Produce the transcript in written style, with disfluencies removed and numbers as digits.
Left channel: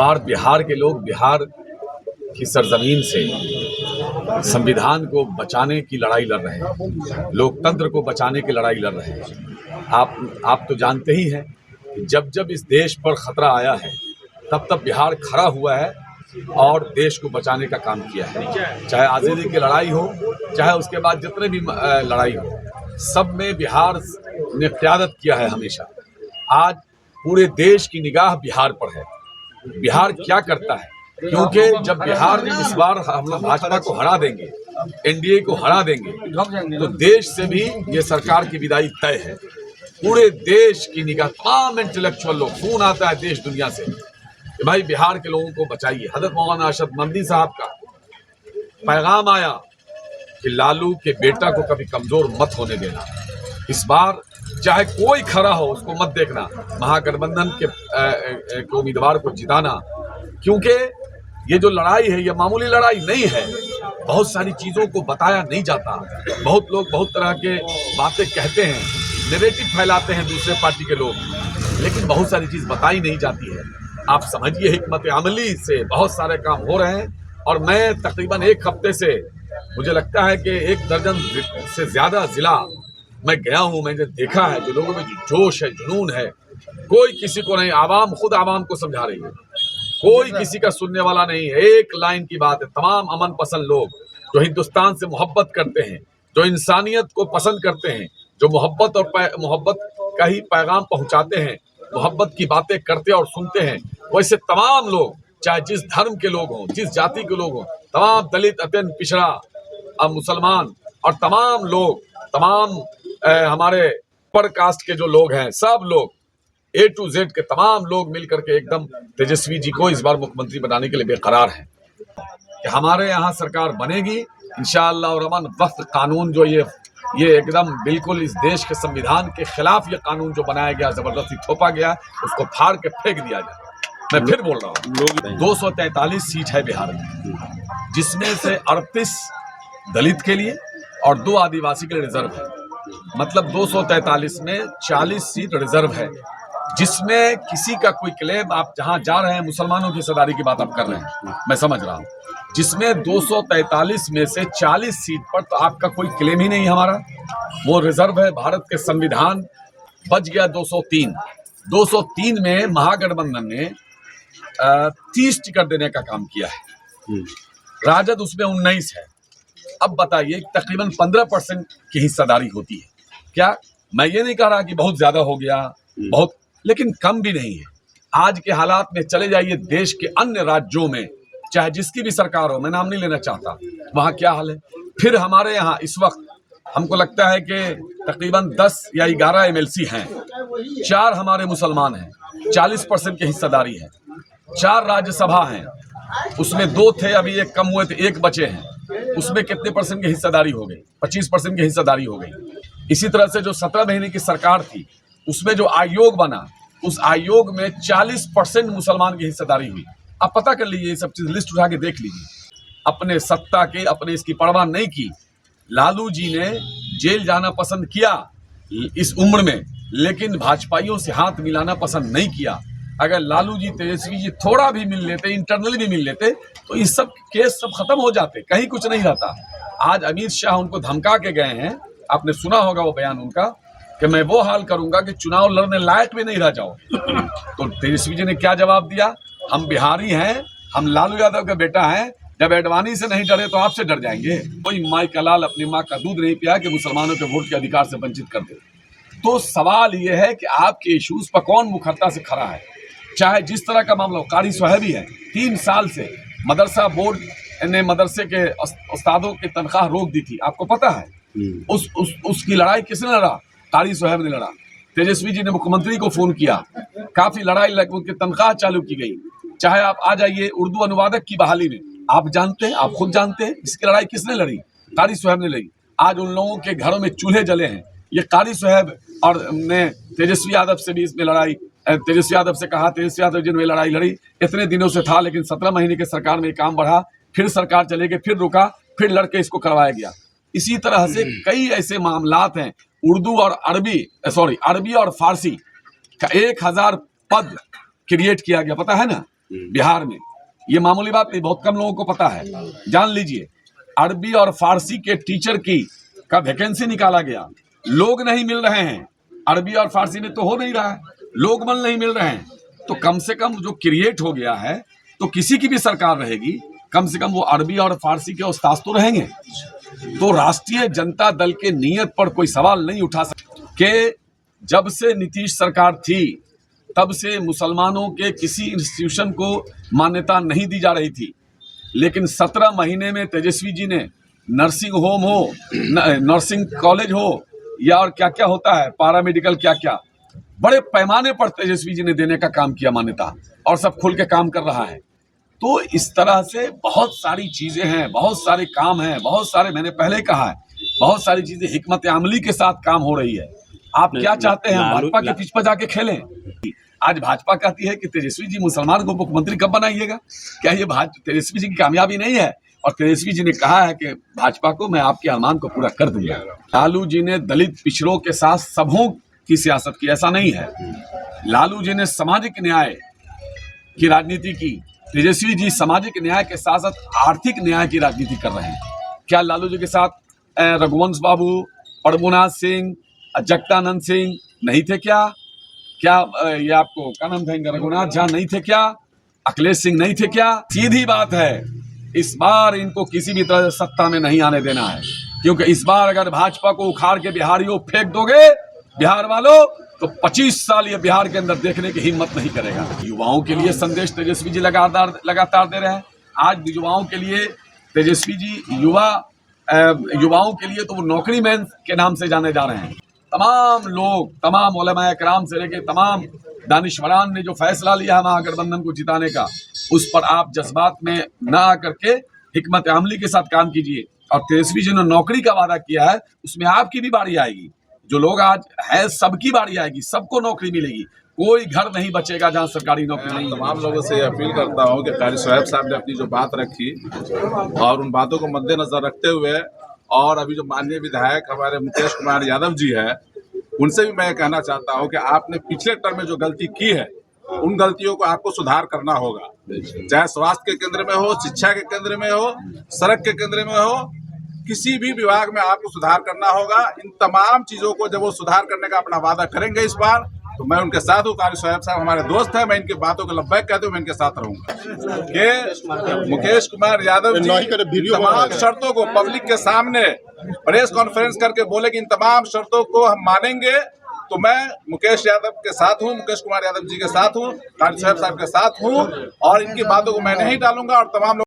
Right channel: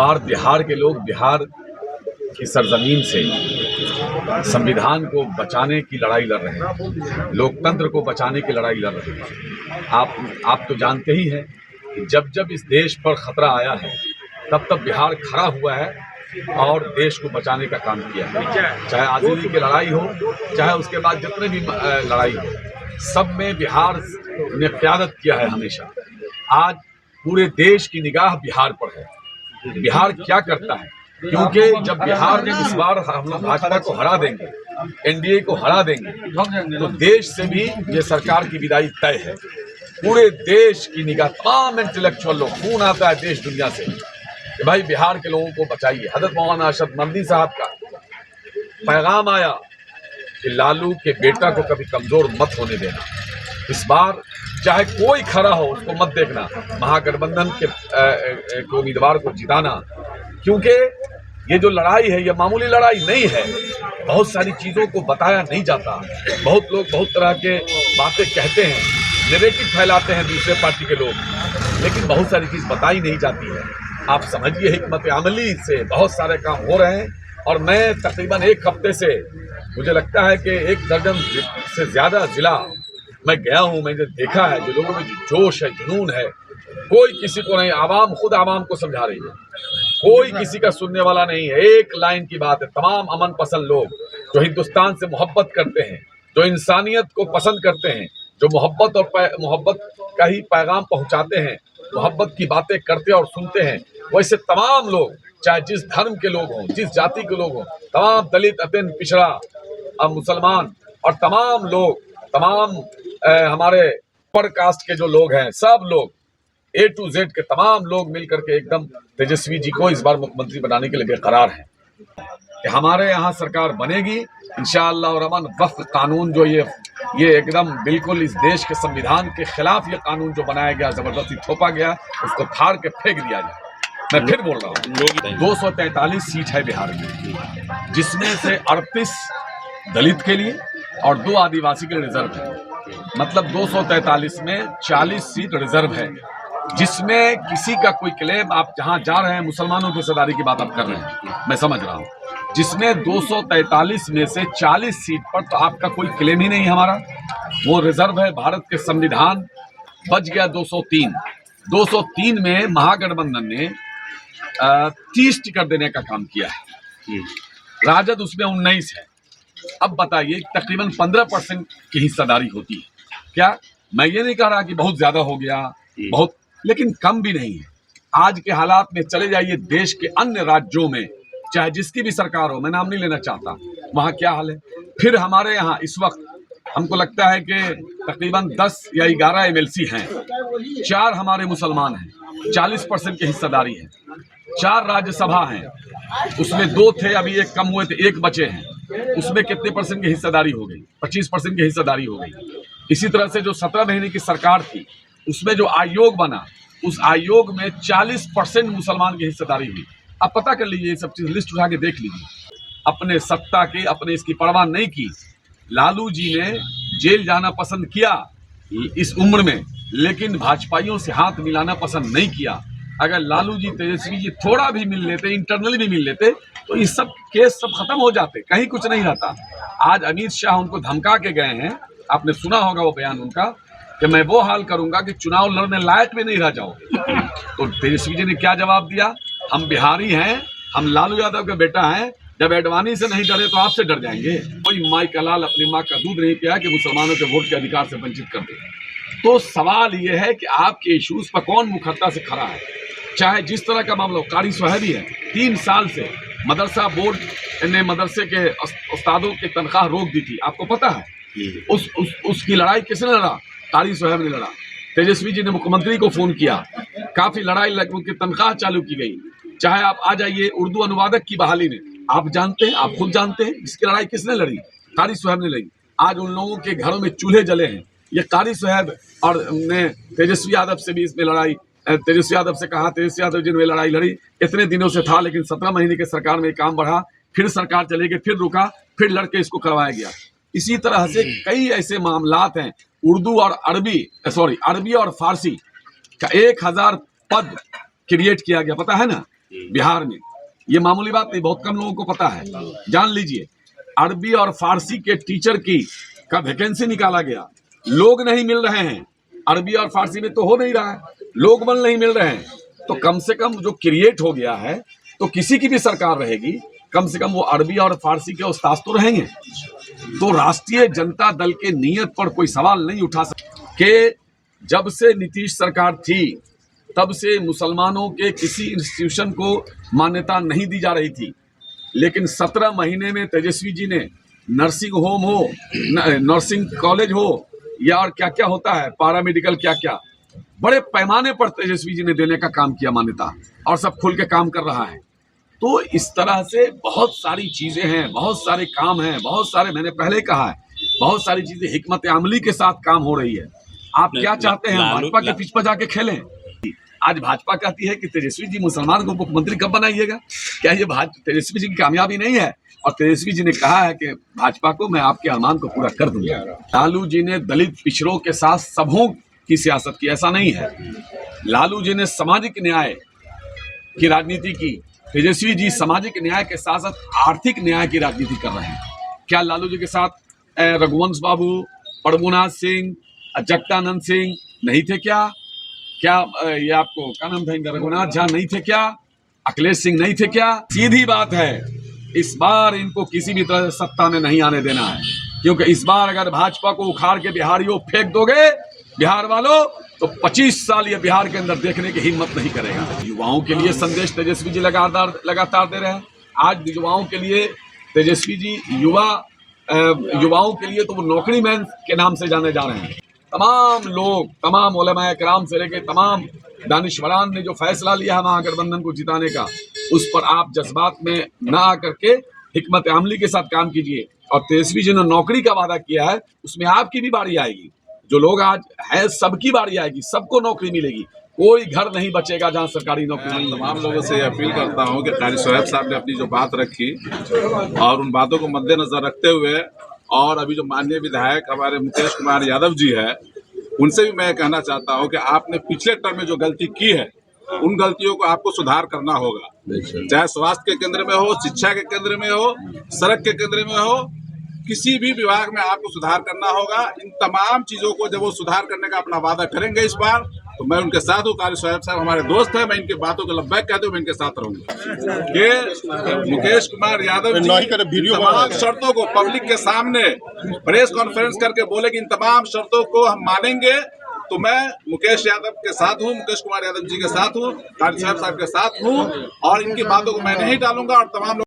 बार बिहार के लोग बिहार की सरजमीन से संविधान को बचाने की लड़ाई लड़ रहे हैं, लोकतंत्र को बचाने की लड़ाई लड़ रहे हैं। आप तो जानते ही हैं कि जब जब इस देश पर खतरा आया है तब तब बिहार खड़ा हुआ है और देश को बचाने का काम किया है। चाहे आज़ादी की लड़ाई हो, चाहे उसके बाद जितने भी लड़ाई हो, सब में बिहार ने क़यादत किया है हमेशा। आज पूरे देश की निगाह बिहार पर है। बिहार क्या करता है, क्योंकि जब बिहार में इस बार हम लोग भाजपा को हरा देंगे, एनडीए को हरा देंगे, तो देश से भी ये सरकार की विदाई तय है। पूरे देश की निगाह, तमाम इंटेलेक्चुअल लोग, खून आता है देश दुनिया से कि भाई बिहार के लोगों को बचाइए। हजरत मौलाना अशरफ नदवी साहब का पैगाम आया कि लालू के बेटा को कभी कमजोर मत होने देना। इस बार चाहे कोई खड़ा हो उसको मत देखना, महागठबंधन के उम्मीदवार को जिताना, क्योंकि ये जो लड़ाई है ये मामूली लड़ाई नहीं है। बहुत सारी चीज़ों को बताया नहीं जाता। बहुत लोग बहुत तरह के बातें कहते हैं, नैरेटिव फैलाते हैं दूसरे पार्टी के लोग, लेकिन बहुत सारी चीज़ बताई नहीं जाती है। आप समझिए, हिकमत अमली से बहुत सारे काम हो रहे हैं। और मैं तकरीबन एक हफ्ते से, मुझे लगता है कि 1 दर्जन से ज़्यादा ज़िला मैं गया हूँ। मैंने देखा है जो लोगों में जोश है, जुनून है, कोई किसी को नहीं, आवाम खुद आवाम को समझा रही है, कोई किसी का सुनने वाला नहीं है। एक लाइन की बात है, तमाम अमन पसंद लोग जो हिंदुस्तान से मोहब्बत करते हैं, जो इंसानियत को पसंद करते हैं, जो मोहब्बत और मोहब्बत का ही पैगाम पहुंचाते हैं, मोहब्बत की बातें करते और सुनते हैं, वैसे तमाम लोग, चाहे जिस धर्म के लोग हों, जिस जाति के लोग हों, तमाम दलित, अत्यंत पिछड़ा, मुसलमान और तमाम लोग, तमाम हमारे अपर कास्ट के जो लोग हैं, सब लोग A to Z के तमाम लोग मिलकर के एकदम तेजस्वी जी को इस बार मुख्यमंत्री बनाने के लिए बेकरार हैं कि हमारे यहाँ सरकार बनेगी इंशाअल्लाह। और अमन वक्फ कानून जो ये एकदम बिल्कुल इस देश के संविधान के खिलाफ ये कानून जो बनाया गया, जबरदस्ती थोपा गया, उसको फाड़ के फेंक दिया जाए। मैं फिर बोल रहा हूँ, 243 सीट है बिहार में, जिसमें से 38 दलित के लिए और 2 आदिवासी के लिए रिजर्व है। मतलब 243 में 40 सीट रिजर्व है, जिसमें किसी का कोई क्लेम, आप जहां जा रहे हैं मुसलमानों की हिस्सेदारी की बात आप कर रहे हैं, मैं समझ रहा हूं, जिसमें 243 में से 40 सीट पर तो आपका कोई क्लेम ही नहीं है। हमारा वो रिजर्व है। भारत के संविधान बच गया 203 में महागठबंधन ने 30 टिकट देने का काम किया है, राजद उसमें 19 है। अब बताइए, तकरीबन 15% की हिस्सेदारी होती है। क्या मैं ये नहीं कह रहा कि बहुत ज्यादा हो गया, बहुत, लेकिन कम भी नहीं है। आज के हालात में चले जाइए देश के अन्य राज्यों में, चाहे जिसकी भी सरकार हो, मैं नाम नहीं लेना चाहता, वहां क्या हाल है। फिर हमारे यहाँ इस वक्त हमको लगता है कि तकरीबन 10 या 11 MLC हैं, 4 हमारे मुसलमान हैं, 40% की हिस्सेदारी है। 4 राज्यसभा हैं, उसमें 2 थे, अभी 1 कम हुए थे, 1 बचे हैं। उसमें कितने % की हिस्सेदारी हो गई? 25% की हिस्सेदारी हो गई। इसी तरह से जो 17 महीने की सरकार थी, उसमें जो आयोग बना, उस आयोग में 40% मुसलमान की हिस्सेदारी हुई। आप पता कर लीजिए, ये सब चीज लिस्ट उठा के देख लीजिए। अपने सत्ता की, अपने इसकी परवाह नहीं की। लालू जी ने जेल जाना पसंद किया इस उम्र में, लेकिन भाजपाइयों से हाथ मिलाना पसंद नहीं किया। अगर लालू जी, तेजस्वी जी थोड़ा भी मिल लेते, इंटरनली भी मिल लेते, तो ये सब केस सब खत्म हो जाते, कहीं कुछ नहीं रहता। आज अमित शाह उनको धमका के गए हैं, आपने सुना होगा वो बयान उनका, कि मैं वो हाल करूंगा कि चुनाव लड़ने लायक भी नहीं रह जाओगे। तो तेजस्वी जी ने क्या जवाब दिया? हम बिहारी हैं, हम लालू यादव का बेटा हैं, जब एडवाणी से नहीं डरे तो आपसे डर जाएंगे। कोई माई का लाल अपनी माँ का दूध नहीं पिया कि मुसलमानों के वोट के अधिकार से वंचित कर दे। तो सवाल ये है कि आपके इशूज पर कौन मुखरता से खड़ा है। चाहे जिस तरह का मामला, कारी सुहेबी है, 3 साल से मदरसा बोर्ड ने मदरसे के उस्तादों की तनख्वाह रोक दी थी, आपको पता है। उसकी लड़ाई किसने लड़ा? कारी सुहेब ने लड़ा। तेजस्वी जी ने मुख्यमंत्री को फोन किया, काफी लड़ाई लग, उनकी तनख्वाह चालू की गई। चाहे आप आ जाइए उर्दू अनुवादक की बहाली में, आप जानते हैं, आप खुद जानते हैं इसकी लड़ाई किसने लड़ी? कारी सुहेब ने लड़ी। आज उन लोगों के घरों में चूल्हे जले हैं, ये कारी सुहेब और ने तेजस्वी यादव से भी इसमें लड़ाई, तेजस्वी यादव से कहा, तेजस्वी यादव जी ने लड़ाई लड़ी। इतने दिनों से था, लेकिन 17 महीने के सरकार में काम बढ़ा, फिर सरकार चले गई, फिर रुका, फिर लड़के इसको करवाया गया। इसी तरह से कई ऐसे मामलात हैं। उर्दू और अरबी और फारसी का 1000 पद क्रिएट किया गया, पता है ना। बिहार में। ये मामूली बात नहीं, बहुत कम लोगों को पता है। जान लीजिए, अरबी और फारसी के टीचर का वैकेंसी निकाला गया, लोग नहीं मिल रहे हैं। अरबी और फारसी में तो हो नहीं रहा है, लोग बल नहीं मिल रहे हैं। तो कम से कम जो क्रिएट हो गया है, तो किसी की भी सरकार रहेगी, कम से कम वो अरबी और फारसी के उस्ताद तो रहेंगे। तो राष्ट्रीय जनता दल के नियत पर कोई सवाल नहीं उठा सकता कि जब से नीतीश सरकार थी तब से मुसलमानों के किसी इंस्टीट्यूशन को मान्यता नहीं दी जा रही थी, लेकिन 17 महीने में तेजस्वी जी ने नर्सिंग होम हो, नर्सिंग कॉलेज हो, या और क्या क्या होता है, पैरामेडिकल क्या क्या, बड़े पैमाने पर तेजस्वी जी ने देने का काम किया मान्यता, और सब खुल के काम कर रहा है। तो इस तरह से बहुत सारी चीजें हैं, बहुत सारे काम हैं, बहुत सारे, मैंने पहले कहा है, बहुत सारी चीजें हिकमत अमली के साथ काम हो रही है। आप क्या चाहते हैं, भाजपा के पिच पर जाके खेलें? आज भाजपा कहती है कि तेजस्वी जी मुसलमान को मुख्यमंत्री कब बनाइएगा? क्या ये तेजस्वी जी की कामयाबी नहीं है? और तेजस्वी जी ने कहा है कि भाजपा को मैं आपके अरमान को पूरा कर दूंगा। लालू जी ने दलित पिछड़ों के साथ सबों की सियासत की, ऐसा नहीं है। लालू जी ने सामाजिक न्याय की राजनीति की, तेजस्वी जी सामाजिक न्याय के साथ साथ आर्थिक न्याय की राजनीति कर रहे हैं। क्या लालू जी के साथ रघुवंश बाबू, प्रभुनाथ सिंह, जगदानंद सिंह नहीं थे क्या? क्या ये आपको क्या नाम था इनका, रघुनाथ झा नहीं थे क्या? अखिलेश सिंह नहीं थे क्या? सीधी बात है, इस बार इनको किसी भी तरह से सत्ता में नहीं आने देना है, क्योंकि इस बार अगर भाजपा को उखाड़ के बिहारियों फेंक दोगे, बिहार वालों, तो 25 साल ये बिहार के अंदर देखने की हिम्मत नहीं करेगा। युवाओं के लिए संदेश तेजस्वी जी लगातार दे रहे हैं। आज युवाओं के लिए तेजस्वी जी युवाओं के लिए तो वो नौकरी मैन के नाम से जाने जा रहे हैं। तमाम लोग, तमाम उलमाए किराम से लेके तमाम दानिशवरान ने जो फैसला लिया है महागठबंधन को जिताने का, उस पर आप जज्बात में न आकर के हिकमत अमली के साथ काम कीजिए। और तेजस्वी जी ने नौकरी का वादा किया है, उसमें आपकी भी बारी आएगी। जो लोग आज है, सबकी बारी आएगी, सबको नौकरी मिलेगी। कोई घर नहीं बचेगा जहां सरकारी नौकरी नहीं। तमाम लोगों से अपील करता हूं कि कारी साहब ने अपनी जो बात रखी और उन बातों को मद्देनजर रखते हुए, और अभी जो माननीय विधायक हमारे मुकेश कुमार यादव जी है, उनसे भी मैं कहना चाहता हूं कि आपने पिछले टर्म में जो गलती की है, उन गलतियों को आपको सुधार करना होगा। चाहे स्वास्थ्य के केंद्र में हो, शिक्षा के केंद्र में हो, सड़क के केंद्र में हो, किसी भी विभाग में आपको सुधार करना होगा। इन तमाम चीजों को जब वो सुधार करने का अपना वादा करेंगे इस बार, तो मैं उनके साथ हूँ। कारी साहब हमारे दोस्त हैं, मैं इनकी बातों को लब्बैक कहते हुए मैं इनके साथ रहूंगा। कि मुकेश कुमार यादव जी तमाम शर्तों को पब्लिक के सामने प्रेस कॉन्फ्रेंस करके बोले कि इन तमाम शर्तों को हम मानेंगे, तो मैं मुकेश यादव के साथ हूँ, मुकेश कुमार यादव जी के साथ हूँ, कारी साहब के साथ हूँ, और इनकी बातों को मैं नहीं टालूंगा। और तमाम